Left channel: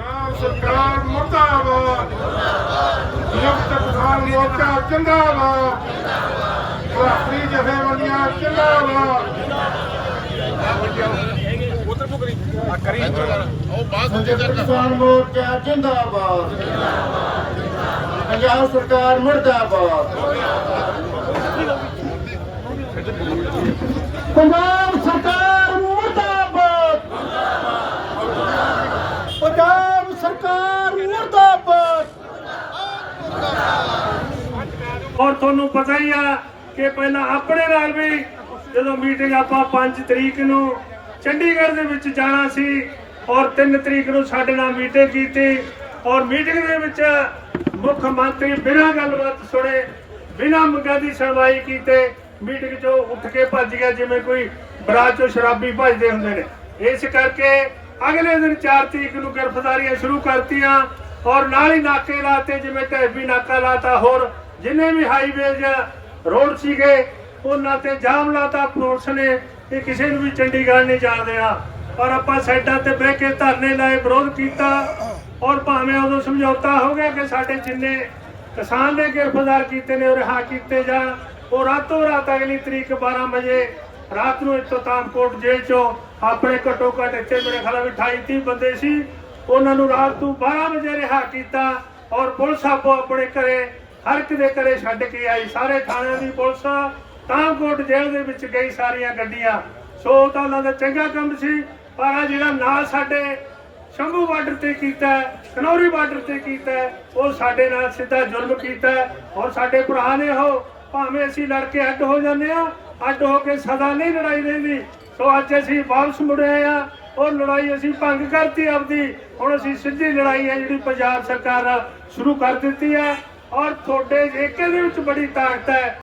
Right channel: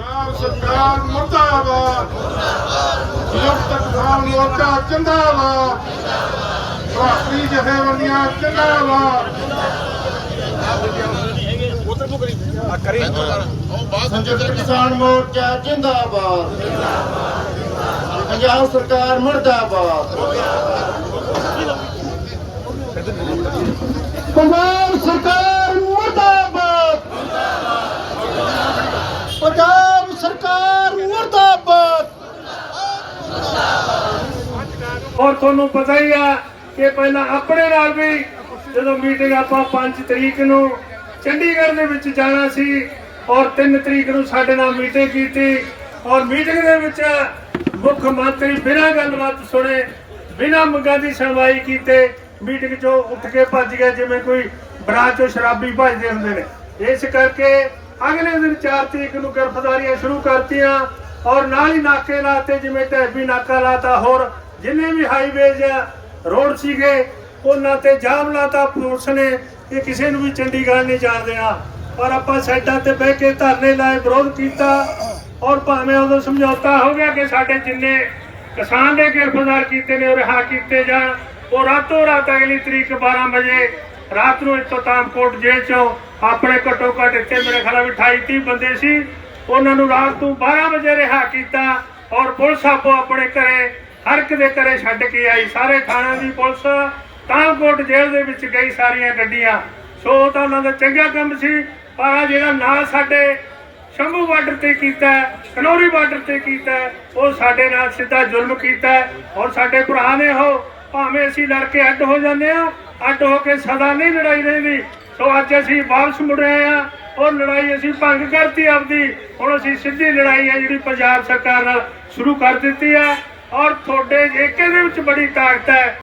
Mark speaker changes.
Speaker 1: ਪੰਜਾਬ ਸਰਕਾਰ ਮੁਰਦਾਬਾਦ। ਸੰਯੁਕਤ ਕਿਸਾਨ ਮੋਰਚਾ ਜਿੰਦਾਬਾਦ। ਭਾਰਤੀ ਜਥੇਬੰਦੀਆਂ ਜਿੰਦਾਬਾਦ।
Speaker 2: ਸੰਯੁਕਤ ਕਿਸਾਨ ਮੋਰਚਾ ਜਿੰਦਾਬਾਦ। ਪੰਜਾਬ ਸਰਕਾਰ ਮੁਰਦਾਬਾਦ। ਪੰਜਾਬ ਸਰਕਾਰ ਮੁਰਦਾਬਾਦ ਪੰਜਾਬ ਸਰਕਾਰ ਮੁਰਦਾਬਾਦ
Speaker 3: ਔਰ ਤੁਹਾਨੂੰ ਪਤਾ ਹੀ ਆ ਕਿ ਪਹਿਲਾਂ ਆਪਣੇ ਨਾਲ ਵੀ ਜਦੋਂ ਮੀਟਿੰਗ ਆਪਾਂ 5 ਤਰੀਕ ਨੂੰ ਚੰਡੀਗੜ੍ਹ ਦੇ ਵਿੱਚ ਜਾਣਾ ਸੀ ਔਰ 3 ਤਰੀਕ ਨੂੰ ਸਾਡੇ ਨਾਲ ਮੀਟਿੰਗ ਕੀਤੀ ਔਰ ਮੀਟਿੰਗ ਦੇ ਵਿੱਚ ਮੁੱਖ ਮੰਤਰੀ ਬਿਨਾਂ ਗੱਲਬਾਤ ਸੁਣੇ, ਬਿਨਾਂ ਮੰਗਾਂ ਦੀ ਸੁਣਵਾਈ ਕੀਤੇ ਮੀਟਿੰਗ 'ਚੋਂ ਉੱਠ ਕੇ ਭੱਜ ਗਿਆ ਜਿਵੇਂ ਕੋਈ ਬਰਾਤ 'ਚੋਂ ਸ਼ਰਾਬੀ ਭੱਜਦੇ ਹੁੰਦੇ ਨੇ। ਇਸ ਕਰਕੇ ਅਗਲੇ ਦਿਨ 4 ਤਰੀਕ ਨੂੰ ਗ੍ਰਿਫਤਾਰੀਆਂ ਸ਼ੁਰੂ ਕਰਤੀਆਂ ਔਰ ਨਾਲ ਹੀ ਨਾਕੇ ਲਾਤੇ ਜਿਵੇਂ ਢੈਬੀ ਨਾਕਾ ਲਾਤਾ, ਹੋਰ ਜਿੰਨੇ ਵੀ ਹਾਈਵੇ ਜਾਂ ਰੋਡ ਸੀਗੇ, ਉਹਨਾਂ ਤੇ ਜਾਮ ਲਾਤਾ ਪੁਲਿਸ ਨੇ ਇਹ ਕਿਸੇ ਨੂੰ ਵੀ ਚੰਡੀਗੜ੍ਹ ਨਹੀਂ ਜਾ ਦੇਣਾ। ਪਰ ਆਪਾਂ ਸਾਈਡਾਂ ਤੇ ਬਹਿ ਕੇ ਧਰਨੇ ਲਾਏ, ਵਿਰੋਧ ਕੀਤਾ ਔਰ ਭਾਵੇਂ ਉਦੋਂ ਸਮਝੌਤਾ ਹੋ ਗਿਆ ਕਿ ਸਾਡੇ ਜਿੰਨੇ ਕਿਸਾਨ ਨੇ ਗ੍ਰਿਫਤਾਰ ਕੀਤੇ ਨੇ, ਉਹ ਰਿਹਾ ਕੀਤੇ ਜਾਣ। ਉਹ ਰਾਤੋਂ ਰਾਤ ਅਗਲੀ ਤਰੀਕ 12 ਵਜੇ ਰਾਤ ਨੂੰ ਇੱਥੋਂ ਤਾਮਕੋਟ ਜੇਲ੍ਹ ਚੋਂ ਆਪਣੇ ਘੱਟੋ ਘੱਟ ਇੱਥੇ ਮੇਰੇ ਖਿਆਲ ਵੀ 28 30 ਬੰਦੇ ਸੀ। ਉਹਨਾਂ ਨੂੰ ਰਾਤ ਨੂੰ 12 ਵਜੇ ਰਿਹਾ ਕੀਤਾ ਔਰ ਪੁਲਿਸ ਆਪੋ ਆਪਣੇ ਘਰੇ ਹਰ ਇੱਕ ਦੇ ਘਰੇ ਛੱਡ ਕੇ ਆਈ ਸਾਰੇ ਥਾਣਾ ਦੀ ਪੁਲਿਸ ਤਾਮਕੋਟ ਜੇਲ੍ਹ ਦੇ ਵਿੱਚ ਗਈ ਸਾਰੀਆਂ ਗੱਡੀਆਂ। ਸੋ ਉਹ ਤਾਂ ਉਹਨਾਂ ਦਾ ਚੰਗਾ ਕੰਮ ਸੀ ਪਰ ਜਿਹੜਾ ਨਾਲ ਸਾਡੇ ਸ਼ੰਭੂ ਬਾਰਡਰ ਤੇ ਕੀਤਾ ਹੈ, ਕਨੌਰੀ ਬਾਰਡਰ ਤੇ ਕੀਤਾ ਉਹ ਸਾਡੇ ਨਾਲ ਸਿੱਧਾ ਜ਼ੁਲਮ ਕੀਤਾ ਹੈ। ਔਰ ਸਾਡੇ ਭਰਾ ਨੇ ਉਹ ਭਾਵੇਂ ਅਸੀਂ ਲੜ ਕੇ ਅੱਡ ਹੋ ਜਾਂਦੇ ਆ ਅੱਡ ਹੋ ਕੇ ਸਦਾ ਨਹੀਂ ਲੜਾਈ ਰਹਿੰਦੀ। ਸੋ ਅੱਜ ਅਸੀਂ ਵਾਪਸ ਮੁੜ ਆਏ ਆ ਉਹ ਲੜਾਈ ਅਸੀਂ ਭੰਗ ਕਰਤੀ ਆਪਦੀ। ਹੁਣ ਅਸੀਂ ਸਿੱਧੀ ਲੜਾਈ ਆ ਜਿਹੜੀ ਪੰਜਾਬ ਸਰਕਾਰ ਨਾਲ ਸ਼ੁਰੂ ਕਰ ਦਿੱਤੀ ਆ ਔਰ ਤੁਹਾਡੇ ਏਕੇ ਦੇ ਵਿੱਚ ਬੜੀ ਤਾਕਤ ਹੈ।